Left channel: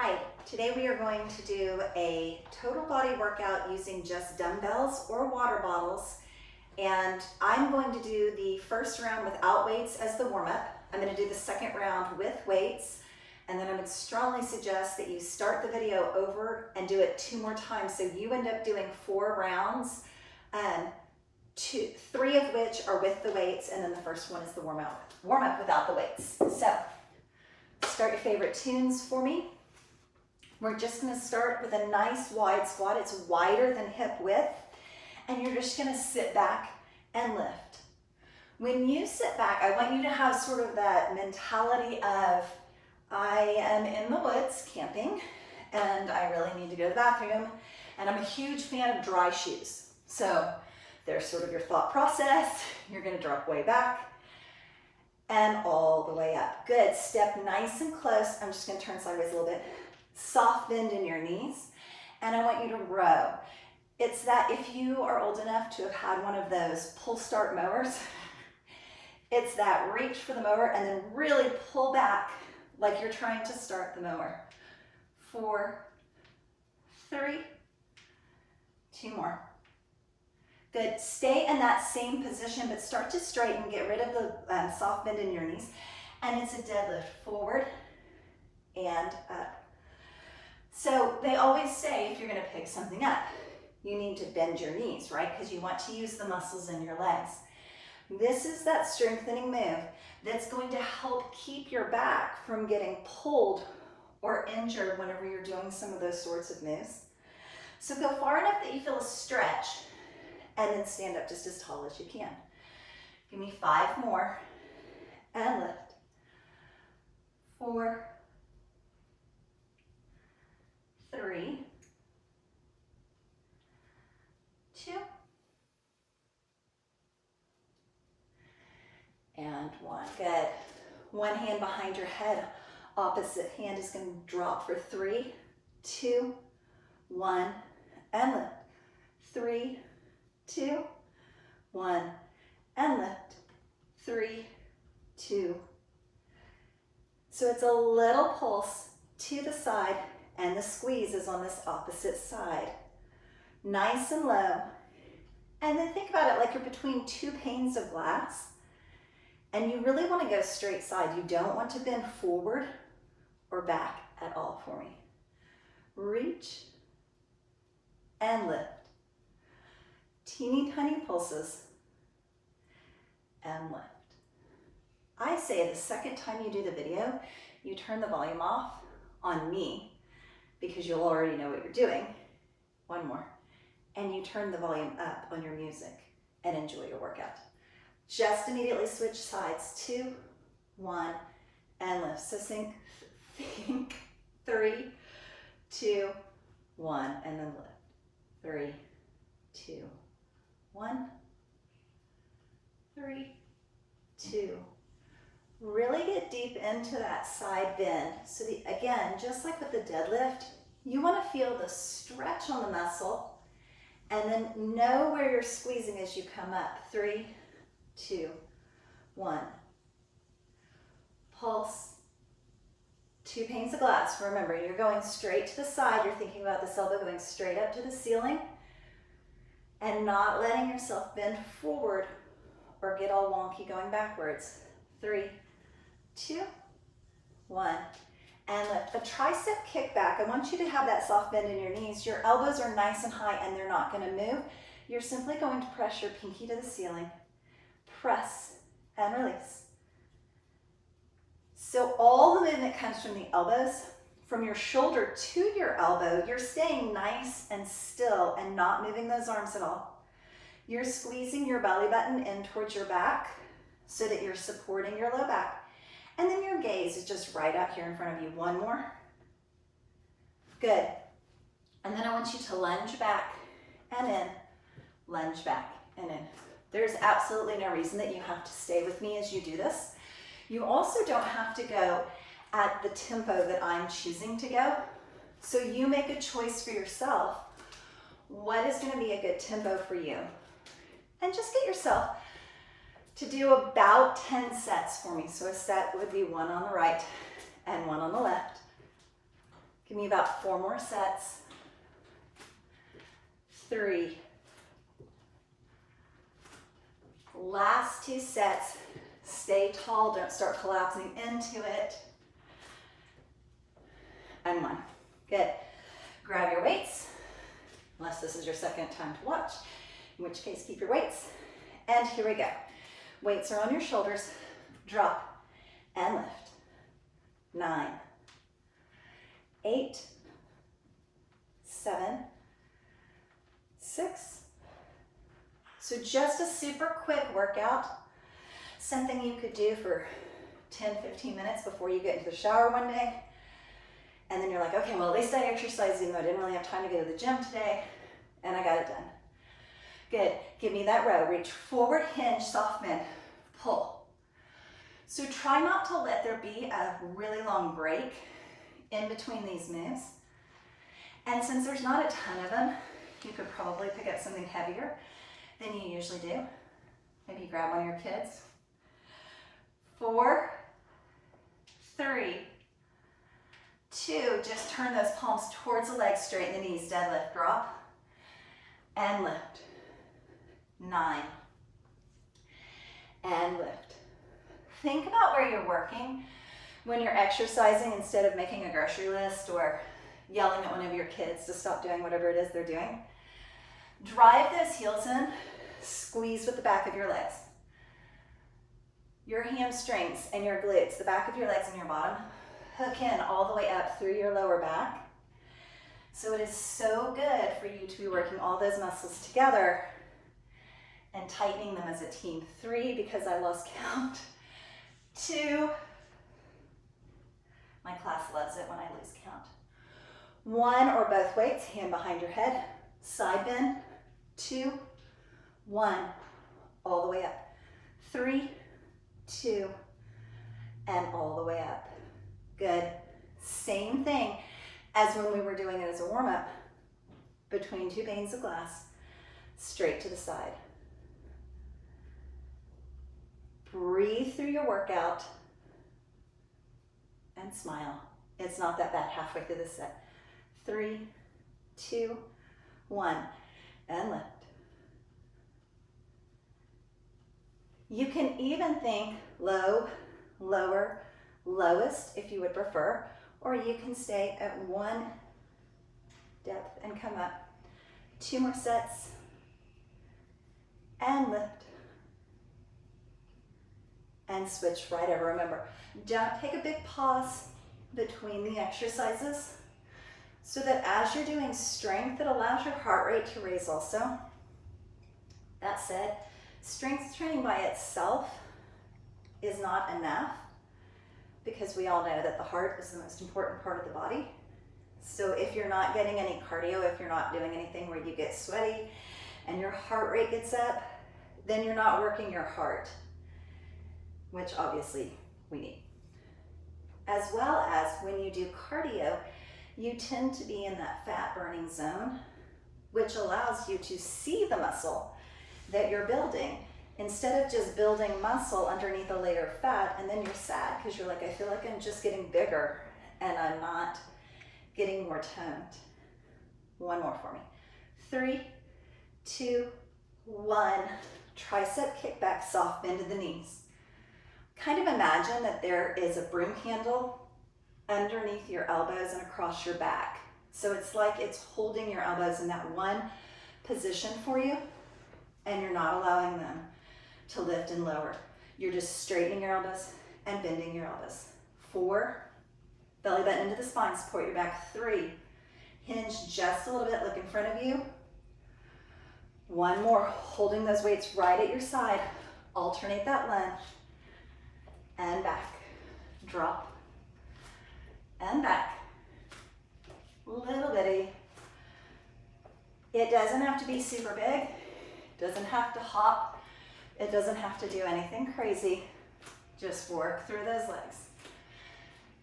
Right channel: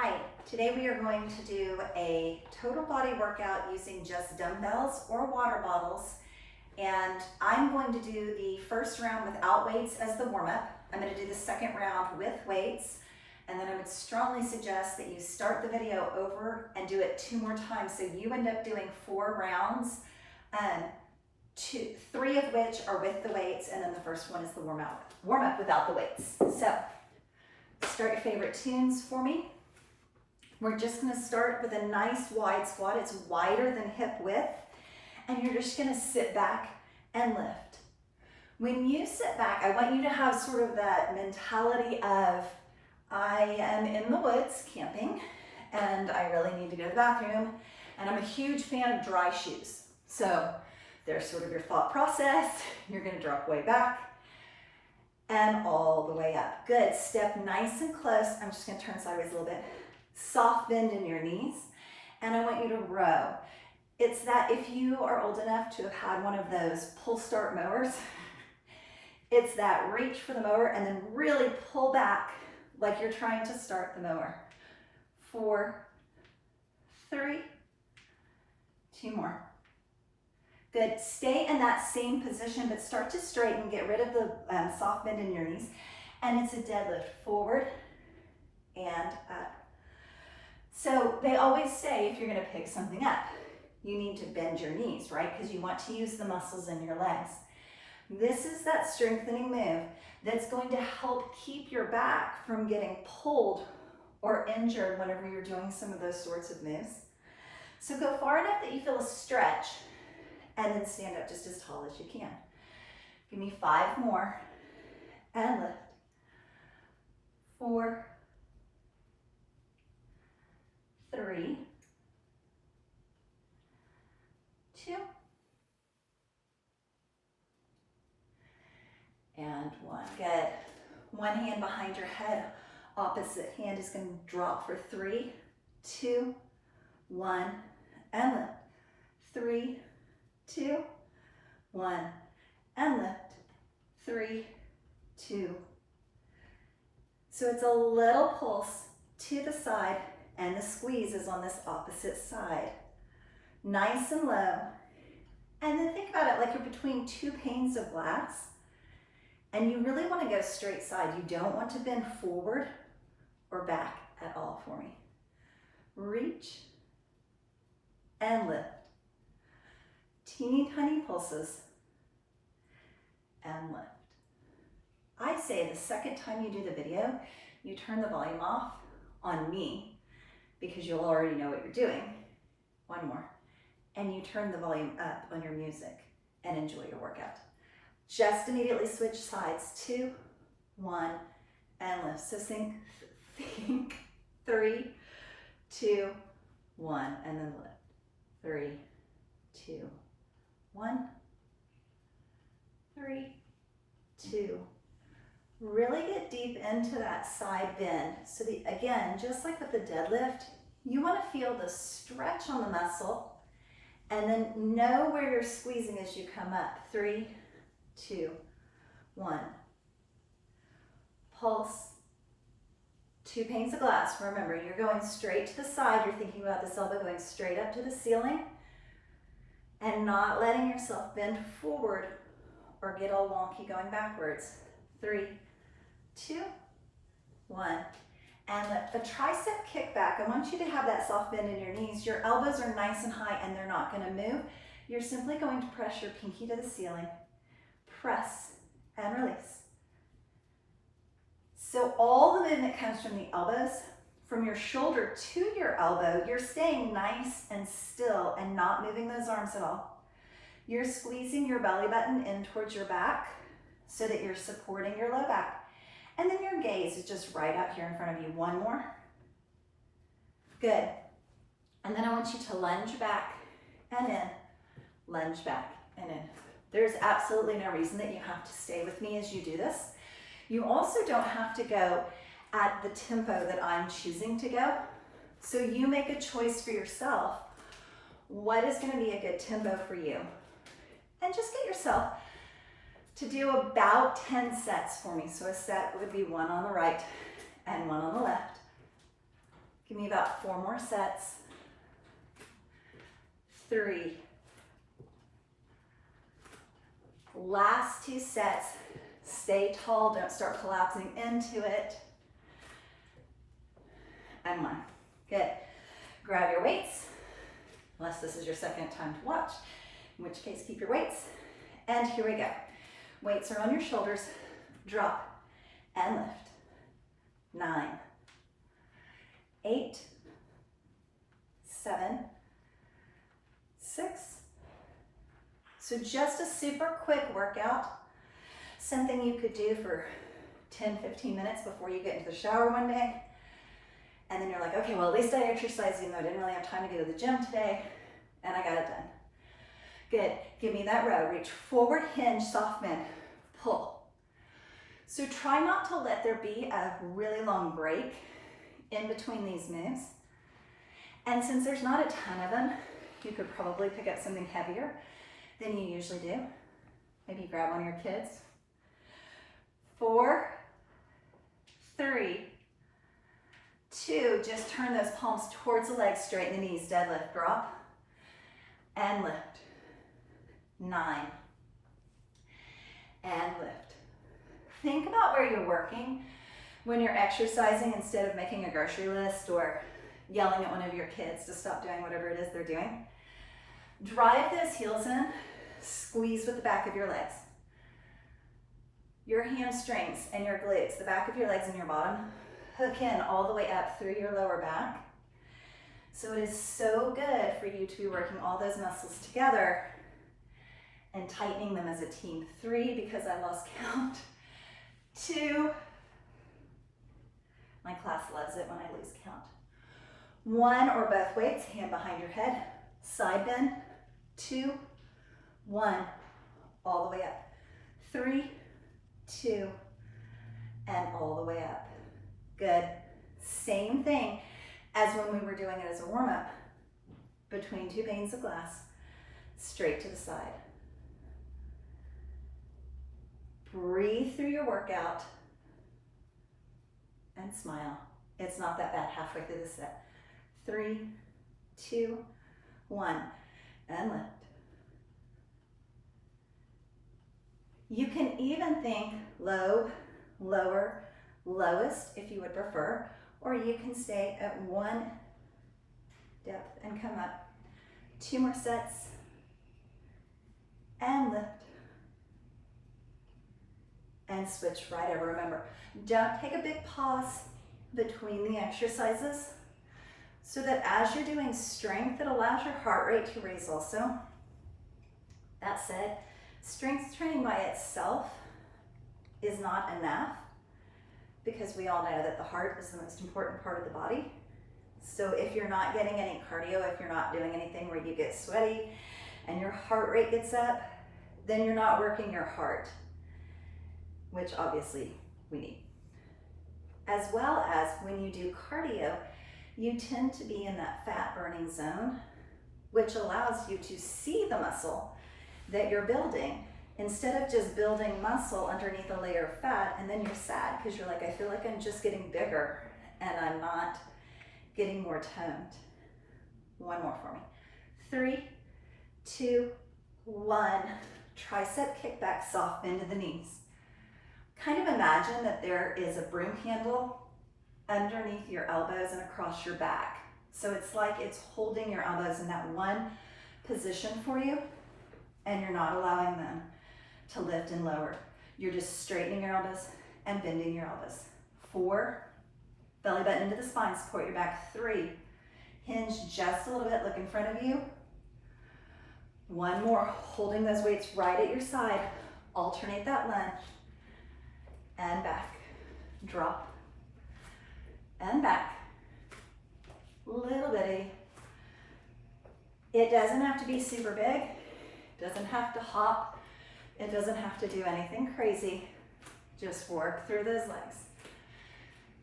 Hi, today we are going to do a total body workout using just dumbbells or water bottles. And I'm going to do the first round without weights as the warm-up. I'm going to do the second round with weights. And then I would strongly suggest that you start the video over and do it 2 more times. So you end up doing 4 rounds, 3 of which are with the weights, and then the first one is the warm-up without the weights. So start your favorite tunes for me. We're just going to start with a nice wide squat. It's wider than hip width. And you're just going to sit back and lift. When you sit back, I want you to have sort of that mentality of, I am in the woods camping and I really need to go to the bathroom. And I'm a huge fan of dry shoes. So there's sort of your thought process. You're going to drop way back and all the way up. Good. Step nice and close. I'm just going to turn sideways a little bit. Soft bend in your knees, and I want you to row. It's that if you are old enough to have had one of those pull start mowers, it's that reach for the mower and then really pull back like you're trying to start the mower. 4, 3, 2 more. Good. Stay in that same position, but start to straighten. Get rid of the soft bend in your knees, and it's a deadlift forward and up. So they always say if you're going to pick something up, you need to bend your knees, right? Because you want to use the muscles in your legs. This is that strengthening move that's going to help keep your back from getting pulled or injured whenever you're doing some of those sorts of moves. So go far enough that you feel a stretch and then stand up just as tall as you can. Give me 5 more and lift. 4, 3, 2, and 1. Good. One hand behind your head, opposite hand is going to drop for 3, 2, 1, and lift. 3, 2, 1, and lift. 3, 2. So it's a little pulse to the side, and the squeeze is on this opposite side. Nice and low. And then think about it like you're between 2 panes of glass, and you really want to go straight side. You don't want to bend forward or back at all for me. Reach and lift. Teeny tiny pulses and lift. I say the second time you do the video, you turn the volume off on me, because you'll already know what you're doing. 1 more. And you turn the volume up on your music and enjoy your workout. Just immediately switch sides. 2, 1, and lift. So think 3, 2, 1, and then lift. 3, 2, 1, 3, 2. Really get deep into that side bend. So again, just like with the deadlift, you want to feel the stretch on the muscle and then know where you're squeezing as you come up. 3, 2, 1. Pulse. 2 panes of glass. Remember, you're going straight to the side. You're thinking about this elbow going straight up to the ceiling and not letting yourself bend forward or get all wonky going backwards. 3, 2, 1, and lift. The tricep kickback, I want you to have that soft bend in your knees. Your elbows are nice and high and they're not going to move. You're simply going to press your pinky to the ceiling. Press and release. So all the movement comes from the elbows. From your shoulder to your elbow, you're staying nice and still and not moving those arms at all. You're squeezing your belly button in towards your back so that you're supporting your low back. And then your gaze is just right out here in front of you. 1 more. Good. And then I want you to lunge back and in, lunge back and in. There's absolutely no reason that you have to stay with me as you do this. You also don't have to go at the tempo that I'm choosing to go. So you make a choice for yourself. What is going to be a good tempo for you? And just get yourself to do about 10 sets for me. So a set would be 1 on the right and 1 on the left. Give me about 4 more sets. 3. Last 2 sets. Stay tall, don't start collapsing into it. And 1. Good. Grab your weights, unless this is your second time to watch, in which case keep your weights. And here we go. Weights are on your shoulders. Drop and lift. 9, 8, 7, 6. So just a super quick workout, something you could do for 10, 15 minutes before you get into the shower one day. And then you're like, okay, well, at least I exercised even though I didn't really have time to go to the gym today, and I got it done. Good. Give me that row. Reach forward, hinge, soft bend, pull. So try not to let there be a really long break in between these moves. And since there's not a ton of them, you could probably pick up something heavier than you usually do. Maybe grab one of your kids. 4, 3, 2, just turn those palms towards the legs, straighten the knees, deadlift, drop, and lift. 9, and lift. Think about where you're working when you're exercising instead of making a grocery list or yelling at one of your kids to stop doing whatever it is they're doing. Drive those heels in, squeeze with the back of your legs. Your hamstrings and your glutes, the back of your legs and your bottom, hook in all the way up through your lower back. So it is so good for you to be working all those muscles together and tightening them as a team. 3, because I lost count. 2, my class loves it when I lose count. 1 or both weights, hand behind your head, side bend. 2, 1, all the way up. 3, 2, and all the way up. Good. Same thing as when we were doing it as a warm-up. Between 2 panes of glass, straight to the side. Breathe through your workout and smile. It's not that bad halfway through the set. 3, 2, 1, and lift. You can even think low, lower, lowest if you would prefer, or you can stay at 1 depth and come up. 2 more sets and lift. And switch right over. Remember, don't take a big pause between the exercises so that as you're doing strength, it allows your heart rate to raise also. That said, strength training by itself is not enough because we all know that the heart is the most important part of the body. So if you're not getting any cardio, if you're not doing anything where you get sweaty and your heart rate gets up, then you're not working your heart, which obviously we need. As well as when you do cardio, you tend to be in that fat burning zone, which allows you to see the muscle that you're building instead of just building muscle underneath a layer of fat, and then you're sad because you're like, I feel like I'm just getting bigger and I'm not getting more toned. 1 more for me. 3, 2, 1. Tricep kickback, soft bend to the knees. Kind of imagine that there is a broom handle underneath your elbows and across your back. So it's like it's holding your elbows in that one position for you, and you're not allowing them to lift and lower. You're just straightening your elbows and bending your elbows. 4, belly button into the spine, support your back. 3, hinge just a little bit, look in front of you. 1 more, holding those weights right at your side. Alternate that lunge. And back, drop, and back. Little bitty. It doesn't have to be super big. It doesn't have to hop. It doesn't have to do anything crazy. Just work through those legs.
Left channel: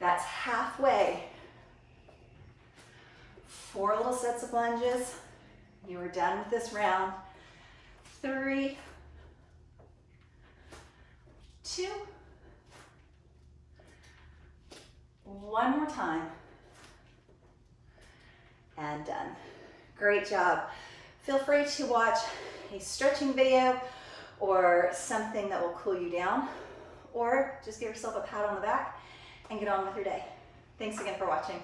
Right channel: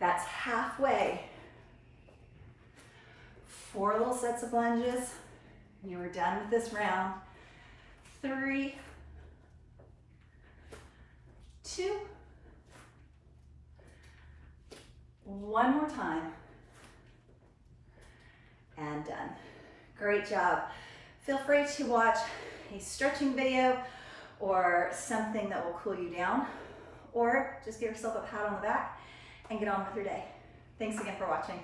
That's halfway. 4 little sets of lunges. You are done with this round. 3, 2, 1 more time. and done. Great job. Feel free to watch a stretching video or something that will cool you down, or just give yourself a pat on the back and get on with your day. Thanks again for watching.